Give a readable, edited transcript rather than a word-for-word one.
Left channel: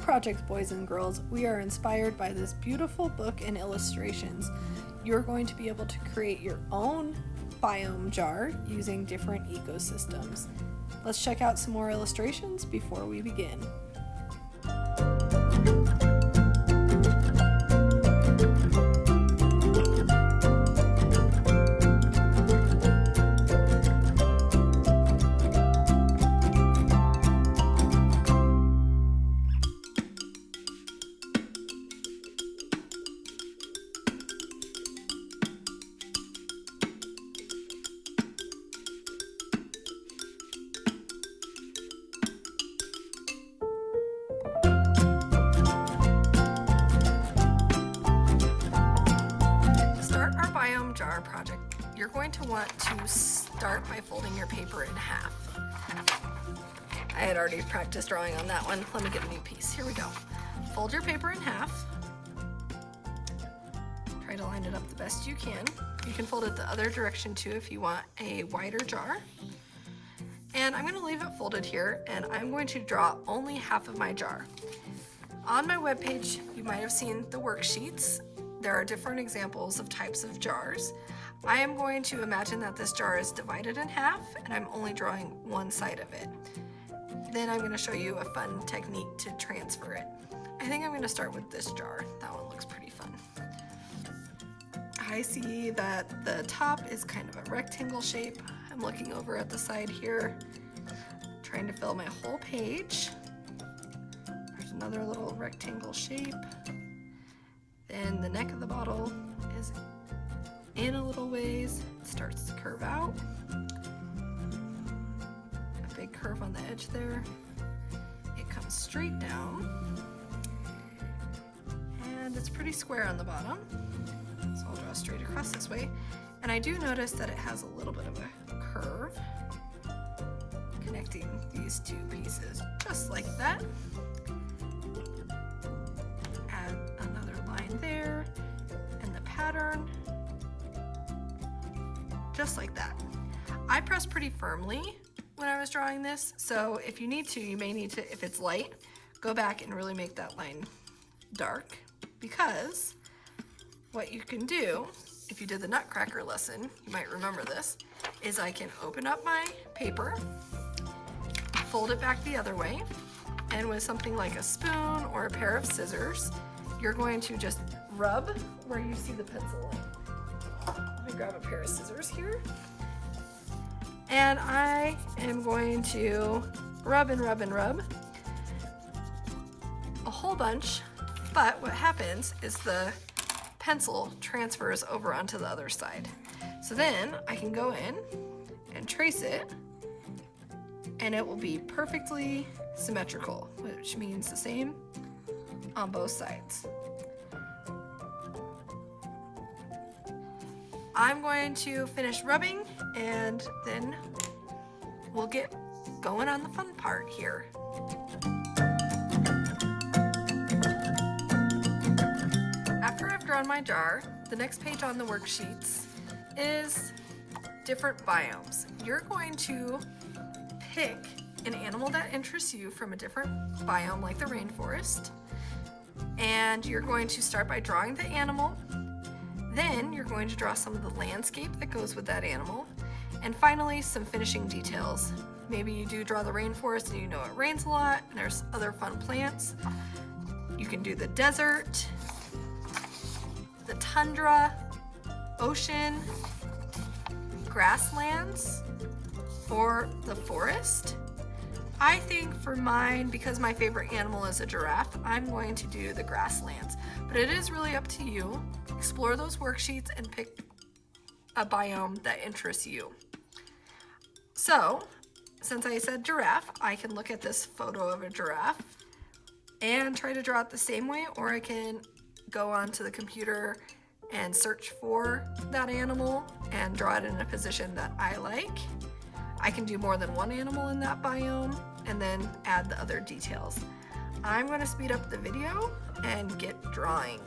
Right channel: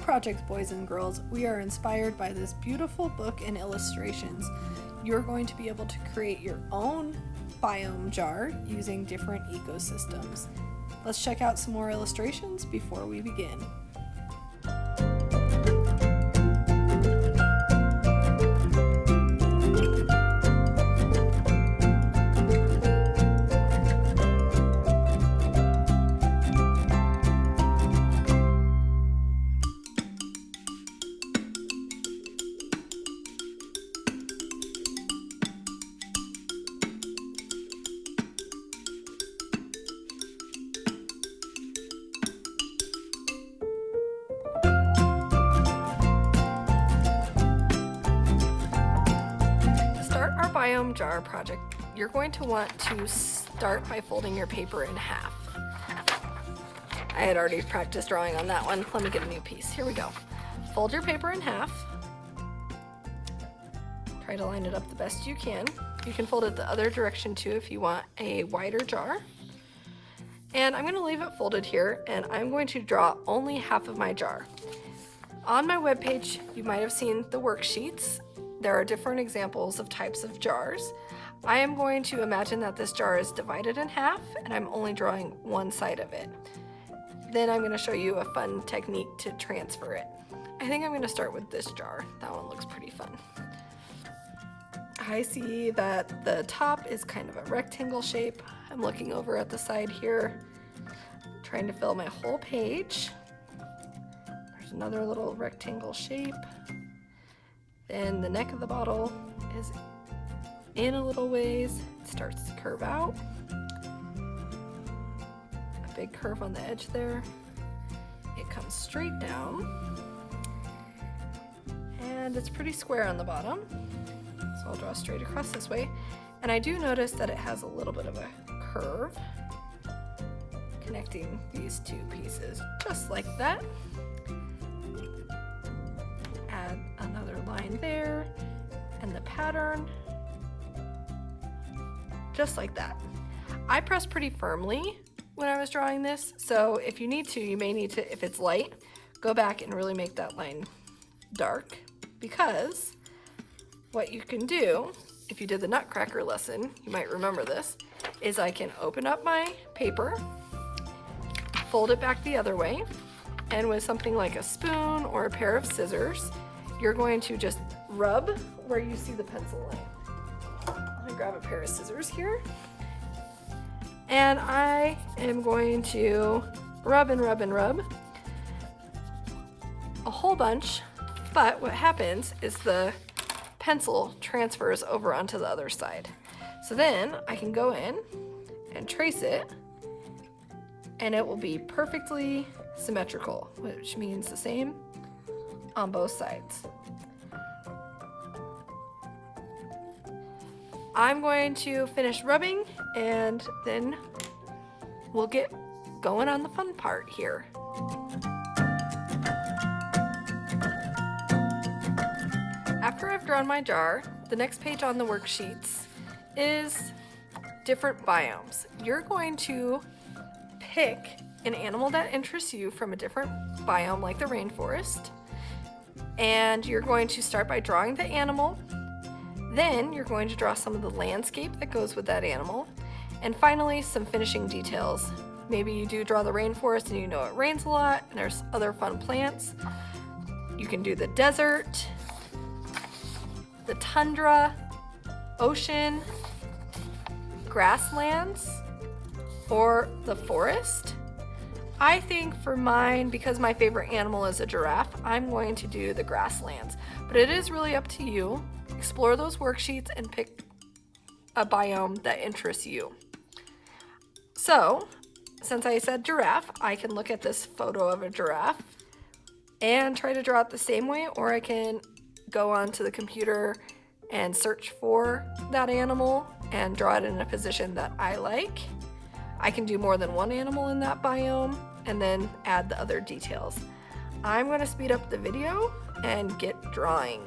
our project, boys and girls, we are inspired by this beautiful book and illustrations. You're going to be able to create your own biome jar using different ecosystems. Let's check out some more illustrations before we begin. Biome jar project, you're going to want to start by folding your paper in half. I had already practiced drawing on that one. Let me get a new piece. Here we go. Fold your paper in half. Try to line it up the best you can. You can fold it the other direction too if you want a wider jar. And I'm going to leave it folded here, and I'm going to draw only half of my jar. On my webpage, you might have seen the worksheets. There are different examples of types of jars. I am going to imagine that this jar is divided in half and I'm only drawing one side of it. Then I'm going to show you a fun technique to transfer it. I think I'm going to start with this jar. That one looks pretty fun. I see that the top is kind of a rectangle shape. I'm looking over at the side here, trying to fill my whole page. There's another little rectangle shape. Then the neck of the bottle is in a little ways. It starts to curve out. A big curve on the edge there. It comes straight down. And it's pretty square on the bottom. So I'll draw straight across this way. And I do notice that it has a little bit of a curve connecting these two pieces, just like that. There, and the pattern, just like that. I pressed pretty firmly when I was drawing this, so if you need to, you may need to, if it's light, go back and really make that line dark, because what you can do, if you did the Nutcracker lesson, you might remember this, is I can open up my paper, fold it back the other way, and with something like a spoon or a pair of scissors, you're going to just rub where you see the pencil line. Let me grab a pair of scissors here. And I am going to rub and rub and rub a whole bunch, but what happens is the pencil transfers over onto the other side. So then I can go in and trace it, and it will be perfectly symmetrical, which means the same on both sides. I'm going to finish rubbing and then we'll get going on the fun part here. After I've drawn my jar, the next page on the worksheets is different biomes. You're going to pick an animal that interests you from a different biome like the rainforest. And you're going to start by drawing the animal. Then you're going to draw some of the landscape that goes with that animal. And finally, some finishing details. Maybe you do draw the rainforest and you know it rains a lot and there's other fun plants. You can do the desert, the tundra, ocean, grasslands, or the forest. I think for mine, because my favorite animal is a giraffe, I'm going to do the grasslands. But it is really up to you. Explore those worksheets and pick a biome that interests you. So, since I said giraffe, I can look at this photo of a giraffe and try to draw it the same way, or I can go onto the computer and search for that animal and draw it in a position that I like. I can do more than one animal in that biome and then add the other details. I'm going to speed up the video and get drawing.